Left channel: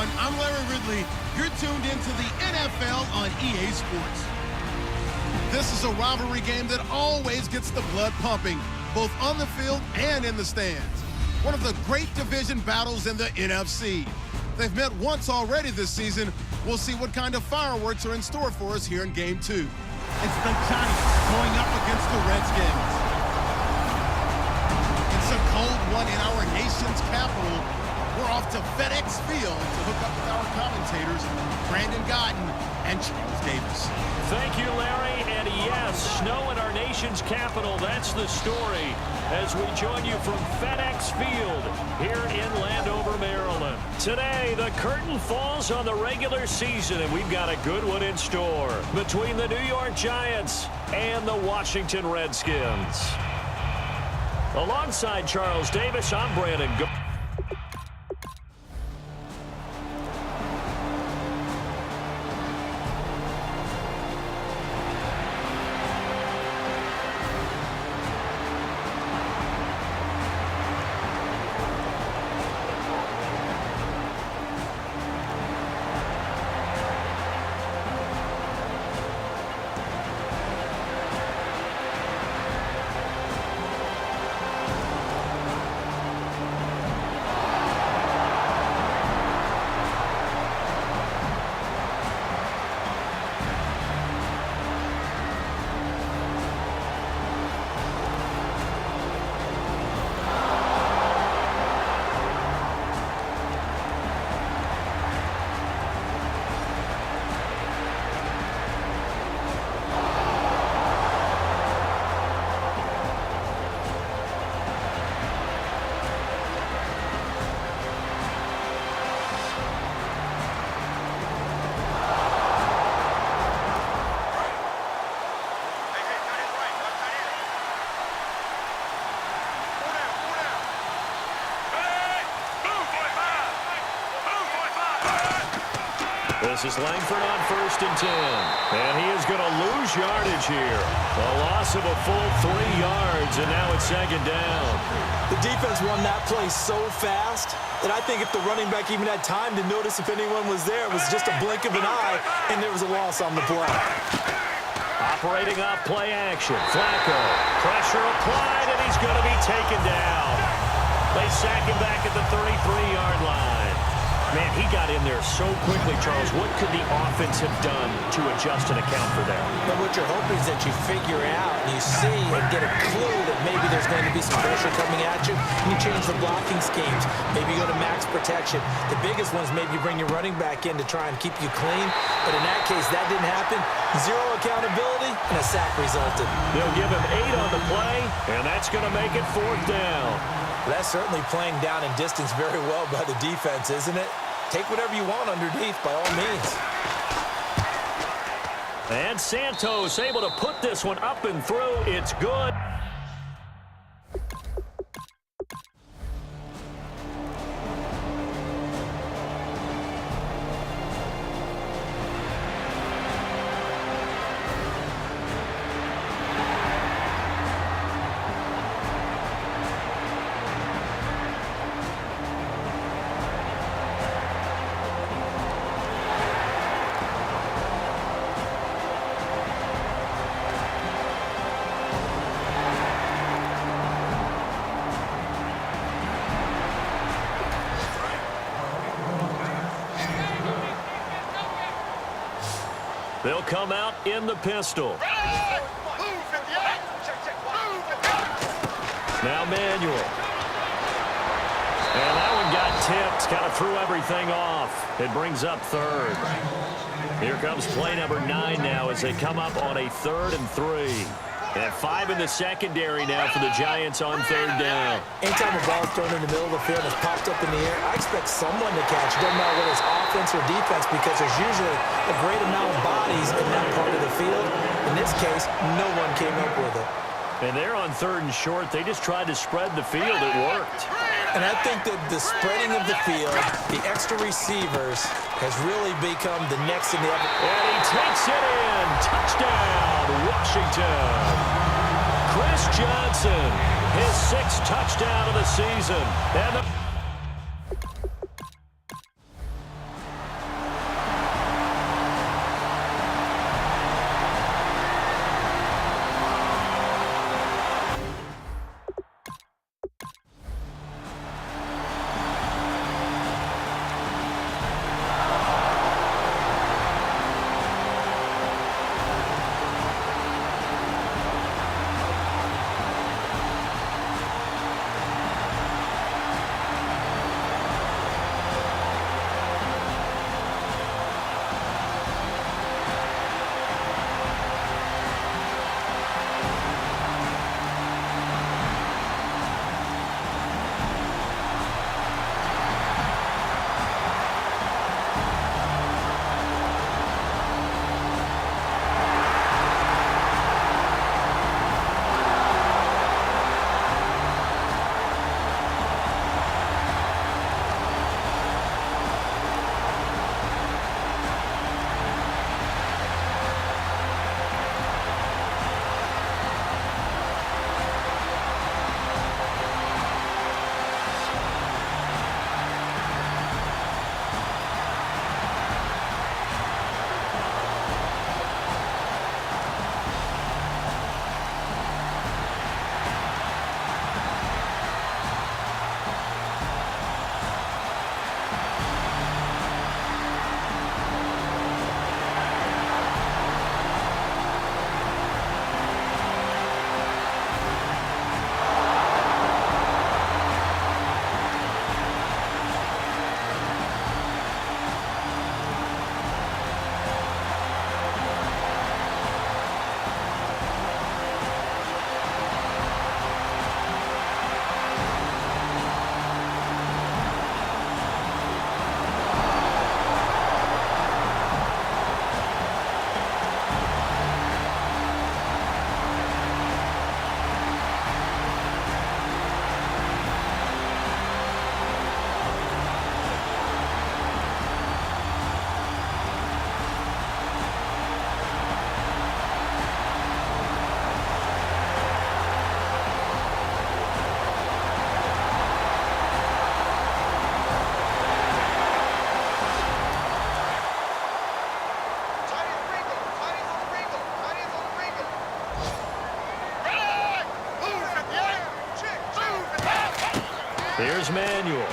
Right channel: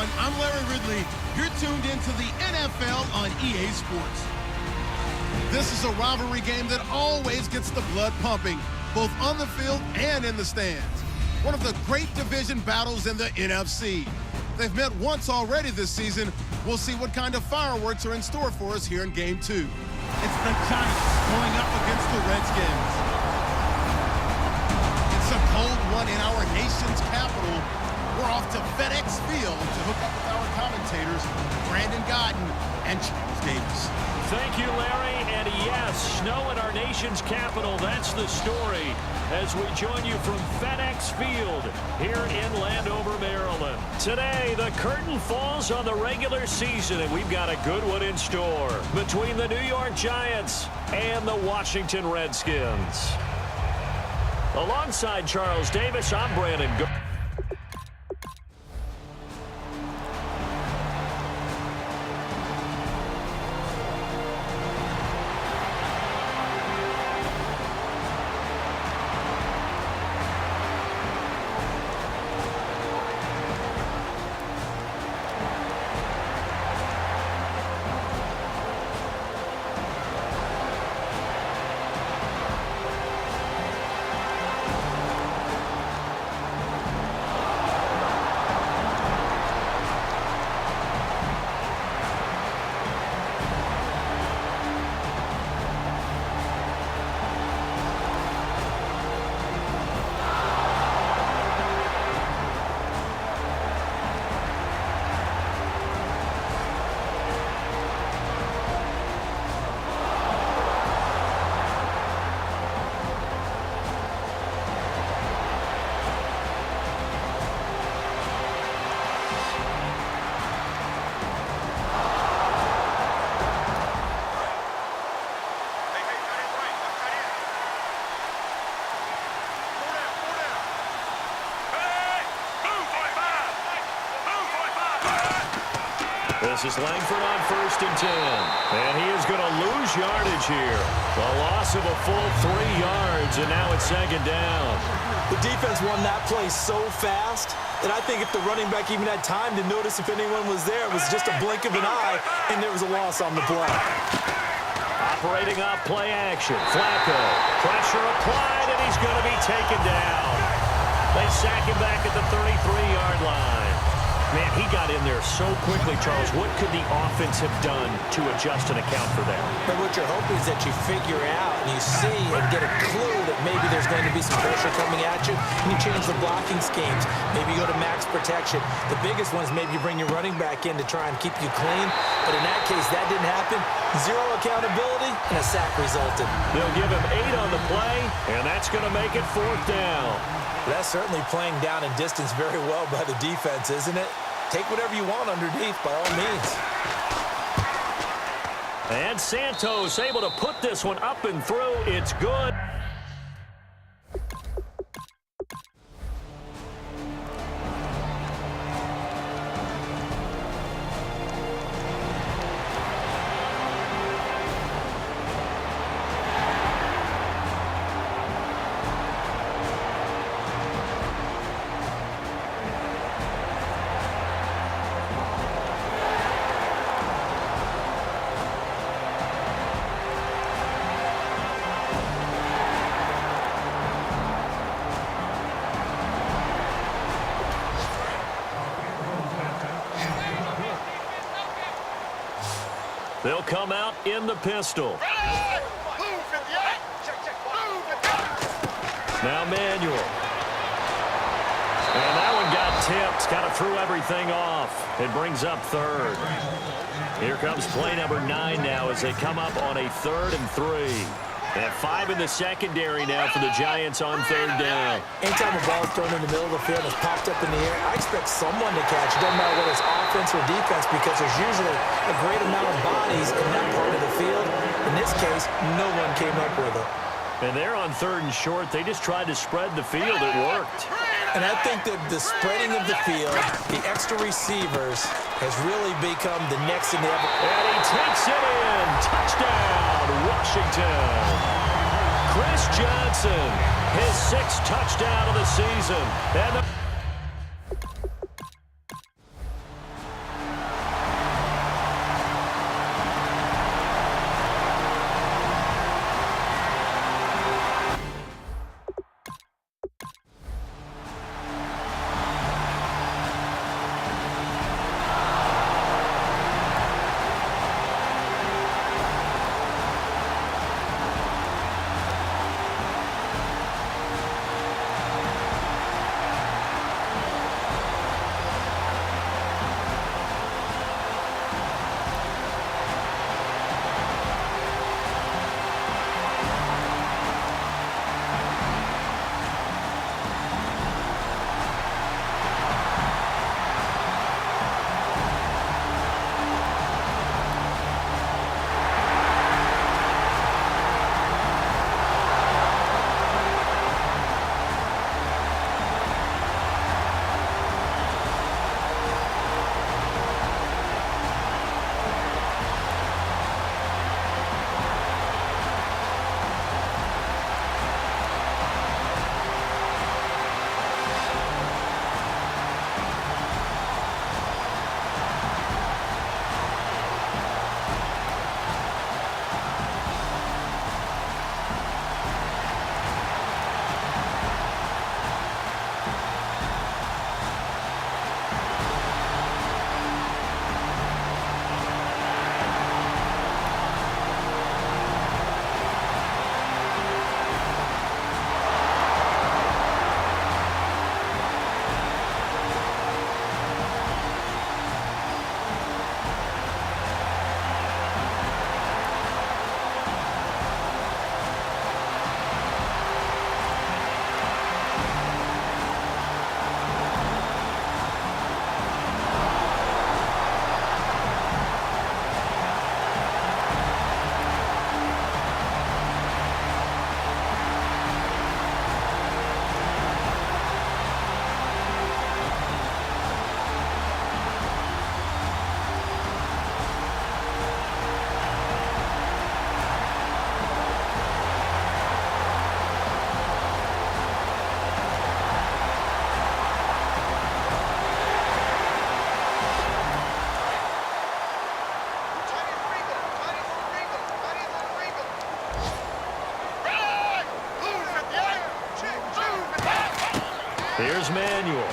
everyone. I'm Larry Ridley. You're tuned into the NFL on EA Sports. This is a rivalry game that always gets the blood pumping, both on the field and in the stands. One of the great division battles in the NFC. They've met once already this season. We'll see what kind of fireworks are in store for us here in Game 2. It's the Giants going up against the Redskins. It's a cold one in our nation's capital. We're off to FedEx Field to hook up with our commentators, Brandon Godden and Charles Davis. Thank you, Larry. And yes, snow in our nation's capital. That's the story as we join you from FedEx Field here in Landover, Maryland. Today, the curtain falls on the regular season, and we've got a good one in store between the New York Giants and the Washington Redskins. Alongside Charles Davis, I'm Brandon Godden. This is Langford on 1st and 10. And he is going to lose yardage here. A loss of a full 3 yards, and now it's 2nd down. The defense won that play so fast that I think if the running back even had time to notice if anyone was there, it was just a blink of an eye, and there was a loss on the play. Operating off play action. Flacco. Pressure applied, and he's going to be taken down. They sack him back at the 33-yard line. Man, he got in there so quickly, Charles. What could the offense have done to adjust and account for that? But what you're hoping is that you figure out and you see and get a clue that maybe there's going to be some pressure coming at you, and you change the blocking schemes. Maybe you go to max protection. The biggest one is maybe you bring your running back in to try and keep you clean. But in that case, that didn't happen. 0 accountability, and a sack resulted. They'll give him 8 on the play, and that's going to make it 4th down. That's certainly playing down in distance very well by the defense, isn't it? Take whatever you want underneath, by all means. And Santos able to put this one up and through. It's good. They'll come out in the pistol. Now Manuel. And that one got tipped. Kind of threw everything off. It brings up 3rd. Here comes play number 9 now as they come up on a 3rd and 3. And 5 in the secondary now for the Giants on 3rd down. Anytime a ball's thrown in the middle of the field and it's popped up in the air, I expect someone to catch. It doesn't matter whether it's offense or defense because there's usually a great amount of bodies in that part of the field. In this case, no one came up with it. And they're on 3rd and short. They just tried to spread the field. It worked. And I think that the spreading of the field, the extra receivers, has really become the next in the... And he takes it in. Touchdown, Washington. Chris Johnson, his 6th touchdown of the season. And Here's Manuel.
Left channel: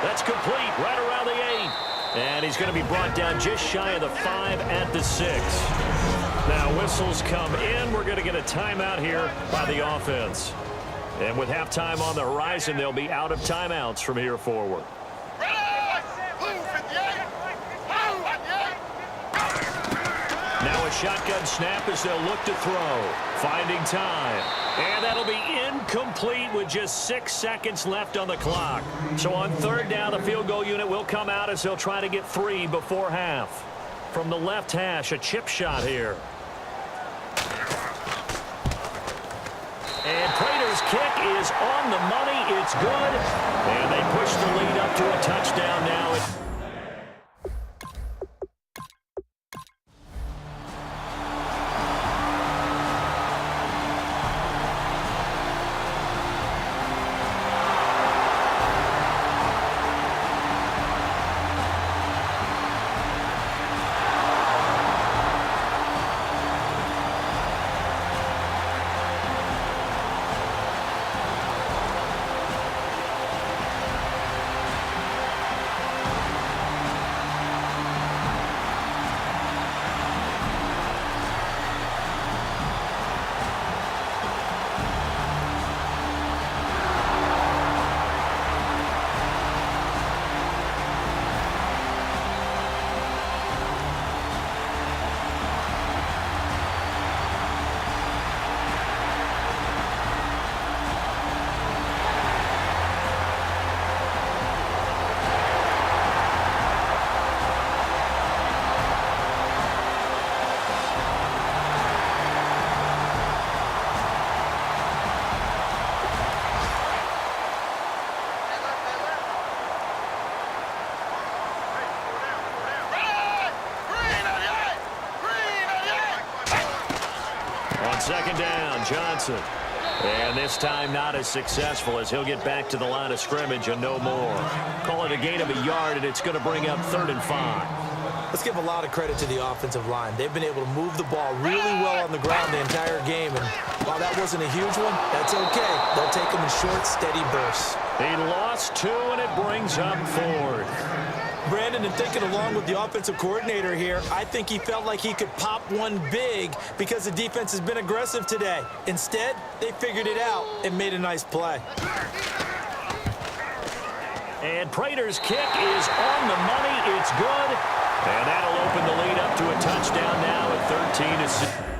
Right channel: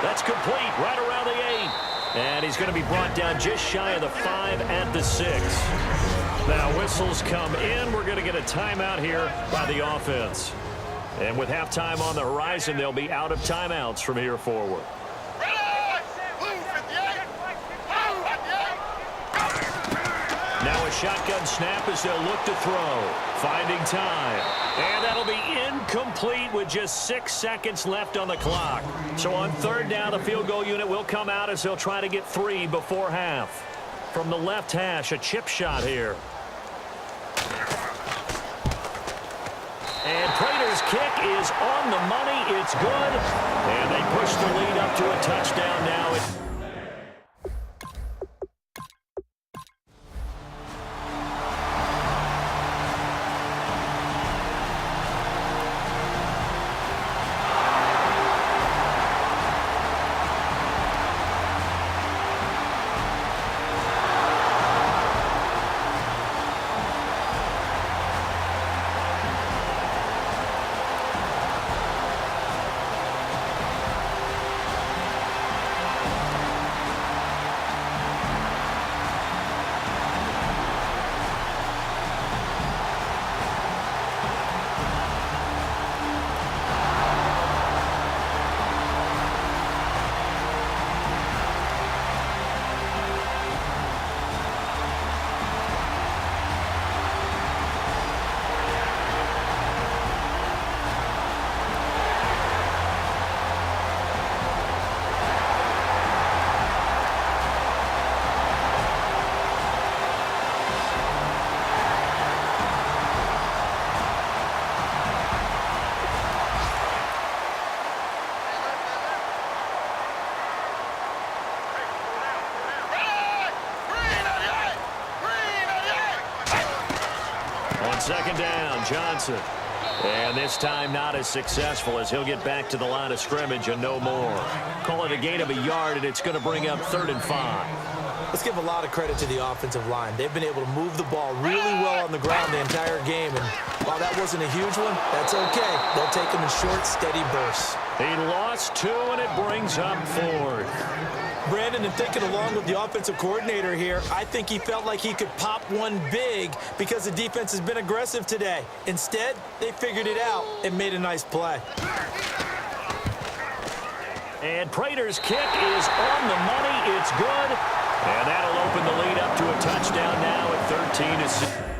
That's complete right around the 8. And he's going to be brought down just shy of the 5 at the 6. Now whistles come in. We're going to get a timeout here by the offense. And with halftime on the horizon, they'll be out of timeouts from here forward. Now a shotgun snap as they'll look to throw. Finding time. And that'll be incomplete with just 6 seconds left on the clock. So on third down, the field goal unit will come out as they'll try to get 3 before half. From the left hash, a chip shot here. And Prater's kick is on the money. It's good. And they push the lead up to a touchdown now. Second down, Johnson. And this time not as successful as he'll get back to the line of scrimmage and no more. Call it a gain of a yard, and it's going to bring up 3rd and 5. Let's give a lot of credit to the offensive line. They've been able to move the ball really well on the ground the entire game. And while that wasn't a huge one, that's okay. They'll take them in short, steady bursts. He lost 2, and it brings up 4th. Brandon, and thinking along with the offensive coordinator here, I think he felt like he could pop one big because the defense has been aggressive today. Instead, they figured it out and made a nice play. And Prater's kick is on the money. It's good. And that'll open the lead up to a touchdown now at 13-6.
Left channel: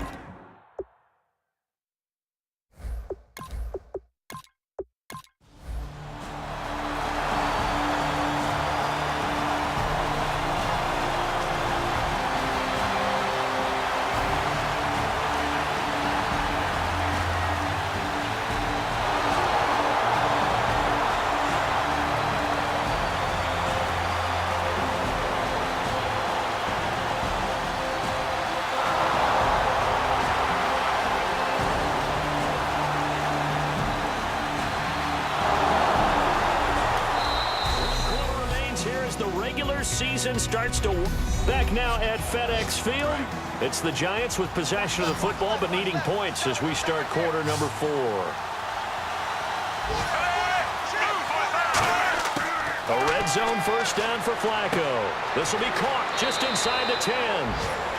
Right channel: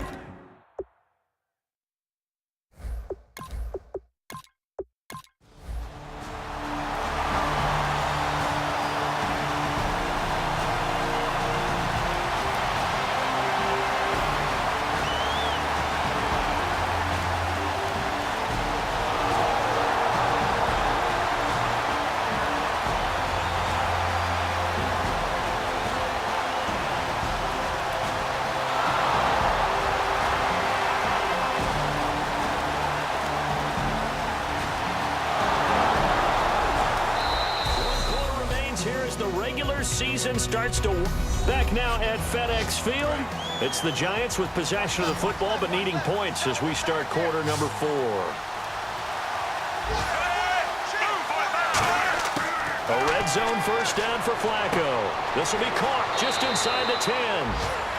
The regular season starts to back now at FedEx Field. It's the Giants with possession of the football but needing points as we start quarter number 4. A red zone first down for Flacco. This will be caught just inside the 10.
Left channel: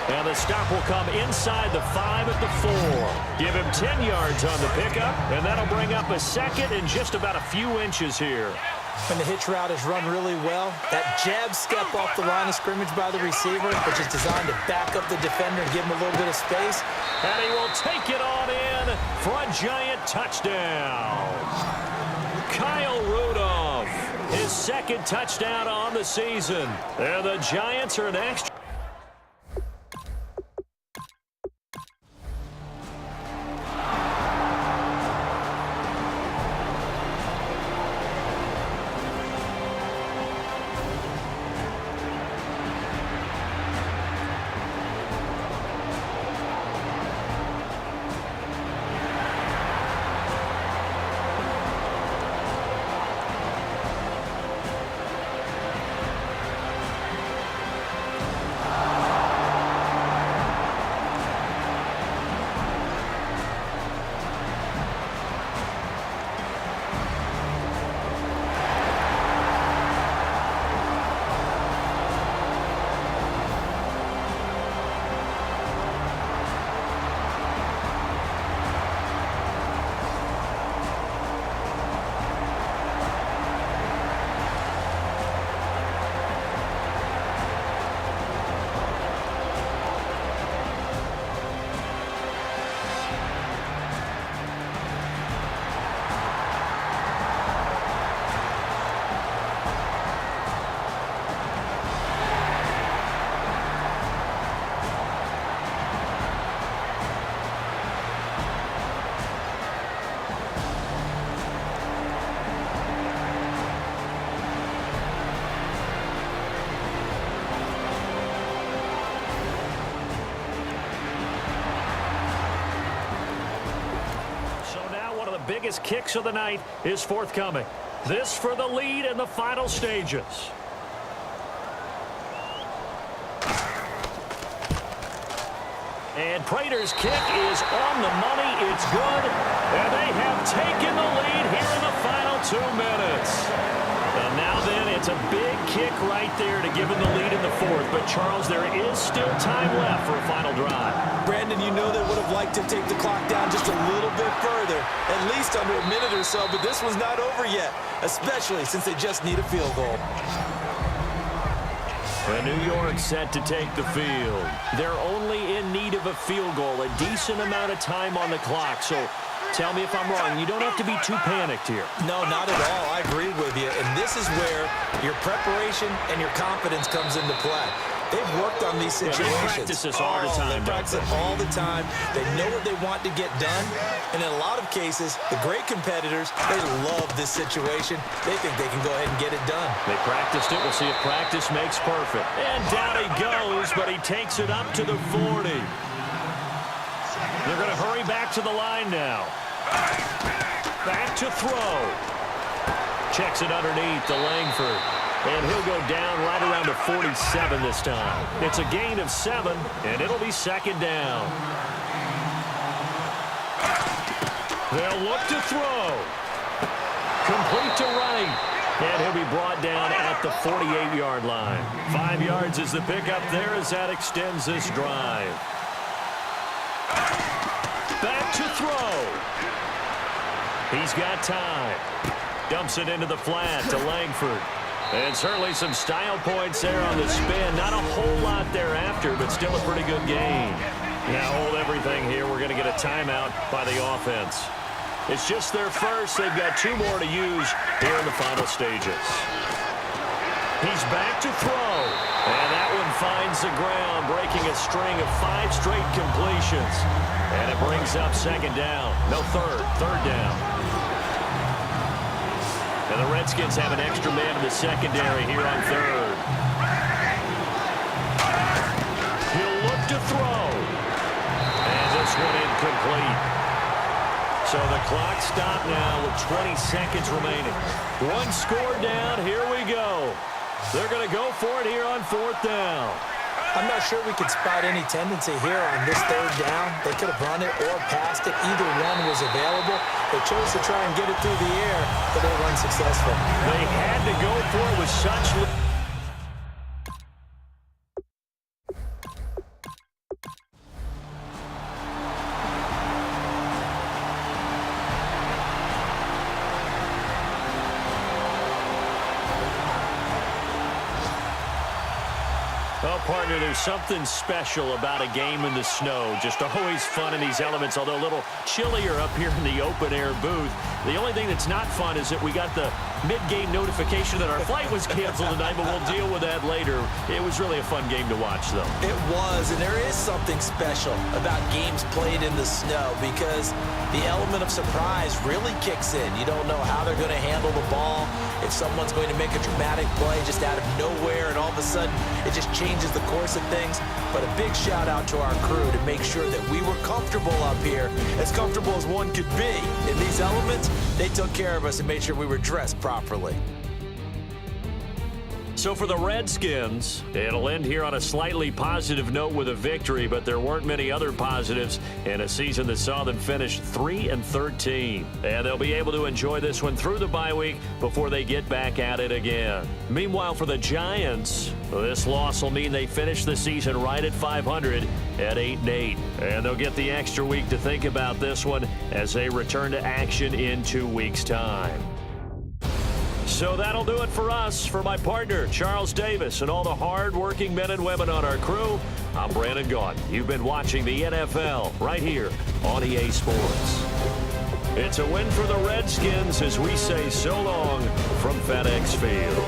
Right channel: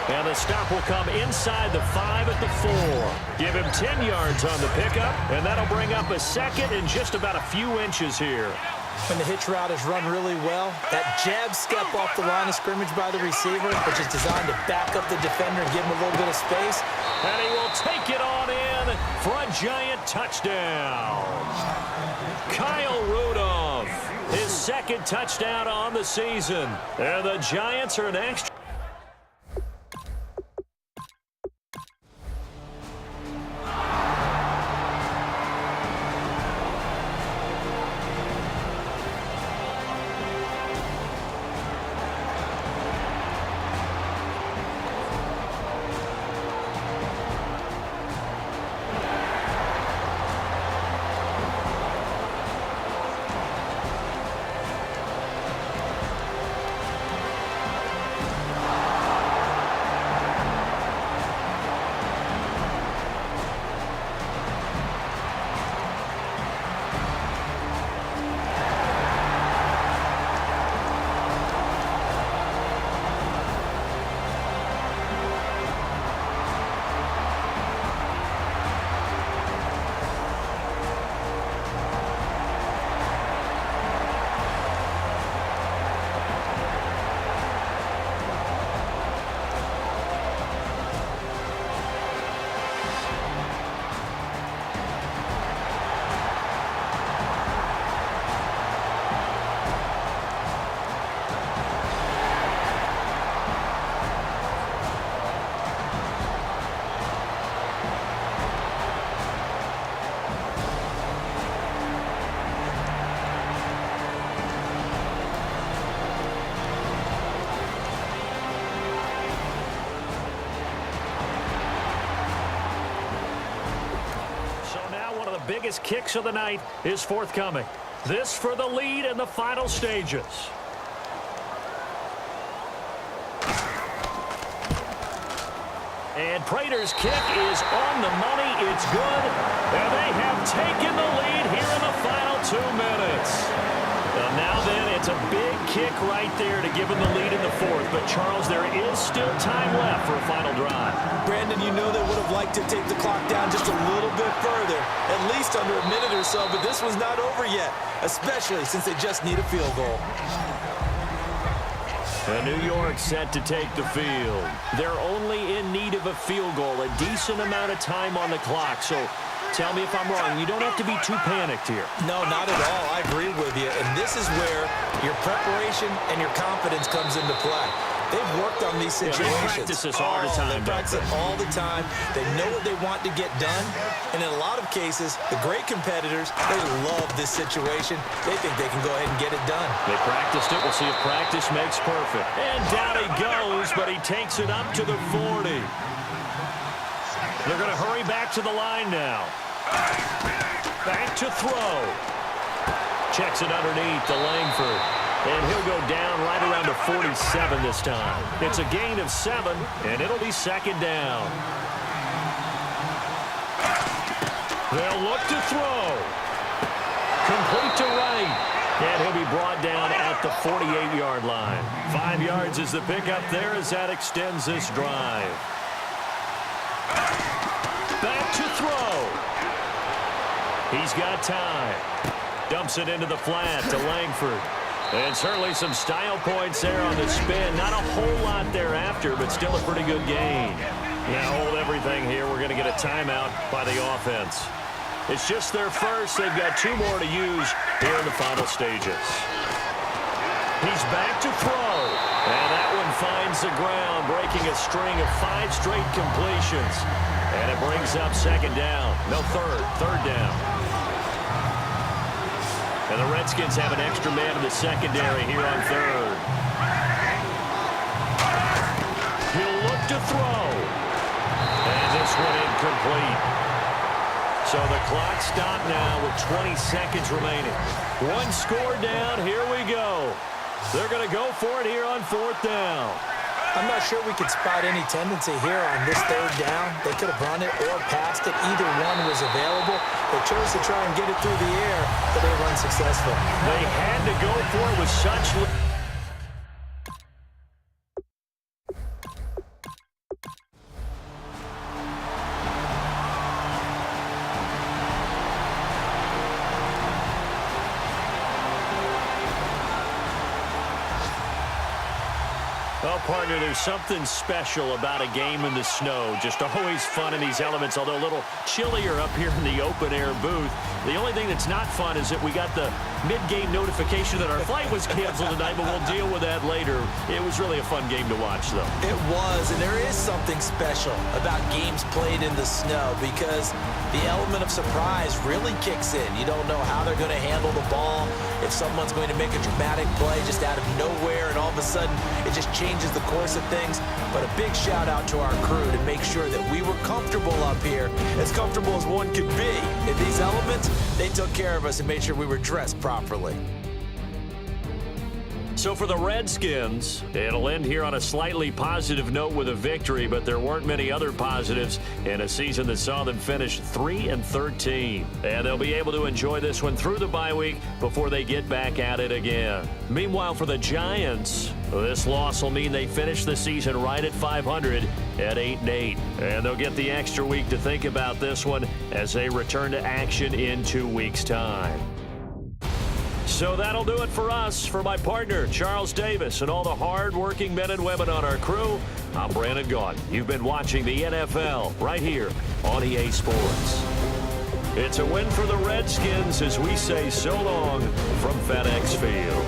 And the stop will come inside the 5 at the 4. Give him 10 yards on the pickup, and that'll bring up a 2nd and just about a few inches here. When the hitch route is run really well, that jab step off the line of scrimmage by the receiver, which is designed to back up the defender and give him a little bit of space. And he will take it on in for a Giant touchdown. Kyle Rudolph, his 2nd touchdown on the season. And the Giants are an extra. One of the biggest kicks of the night is forthcoming. This for the lead in the final stages. And Prater's kick is on the money. It's good. And they have taken the lead here in the final 2 minutes. Now then, it's a big kick right there to give him the lead in the fourth. But, Charles, there is still time left for a final drive. Brandon, you know they would have liked to take the clock down just a little bit further, at least under a minute or so. But this was not over yet, especially since they just need a field goal. And New York set to take the field. They're only in need of a field goal, a decent amount of time on the clock. So tell me if I'm wrong. You don't have to be too panicked here. No, not at all. I agree with you. And this is where your preparation and your confidence comes into play. They've worked on these situations. Yeah, they practice this all the time. They practice it all the time. They know what they want to get done. And in a lot of cases, the great competitors, they love this situation. They think they can go ahead and get it done. They practiced it. We'll see if practice makes perfect. And down he goes, but he takes it up to the 40. They're going to hurry back to the line now. Back to throw. Checks it underneath to Langford. And he'll go down right around to 47 this time. It's a gain of 7, and it'll be second down. They'll look to throw. Complete to right. And he'll be brought down at the 48-yard line. 5 yards is the pickup there as that extends this drive. Back to throw. He's got time. Dumps it into the flat to Langford. And certainly some style points there on the spin. Not a whole lot thereafter, but still a pretty good gain. Now hold everything here. We're going to get a timeout by the offense. It's just their first. They've got 2 more to use here in the final stages. He's back to throw. And that one finds the ground, breaking a string of 5 straight completions. And it brings up second down. No, third down. And the Redskins have an extra man in the secondary here on third. He'll look to throw. And this one incomplete. So the clock stopped now with 20 seconds remaining. 1 score down. Here we go. They're going to go for it here on 4th down. I'm not sure we could spot any tendency here on this 3rd down. They could have run it or passed it. Either one was available. They chose to try and get it through the air, but they were unsuccessful. They had to go for it with such... Well, partner, there's something special about a game in the snow. Just always fun in these elements, although a little chillier up here in the open-air booth. The only thing that's not fun is that we got the mid-game notification that our flight was canceled tonight, but we'll deal with that later. It was really a fun game to watch, though. It was, and there is something special about games played in the snow because the element of surprise really kicks in. You don't know how they're going to handle the ball, if someone's going to make a dramatic play just out of nowhere, and all of a sudden it just changes the course of things. But a big shout out to our crew to make sure that we were comfortable up here, as comfortable as one could be. In these elements, they took care of us and made sure we were dressed properly. So for the Redskins, it'll end here on a slightly positive note with a victory, but there weren't many other positives in a season that saw them finish 3-13. And they'll be able to enjoy this one through the bye week before they get back at it again. Meanwhile, for the Giants, this loss will mean they finish the season right at 500 at 8-8. And they'll get the extra week to think about this one as they return to action in 2 weeks' time. So that'll do it for us. For my partner, Charles Davis, and all the hard-working men and women on our crew, I'm Brandon Gaudin. You've been watching the NFL right here on EA Sports. It's a win for the Redskins as we say so long from FedEx Field.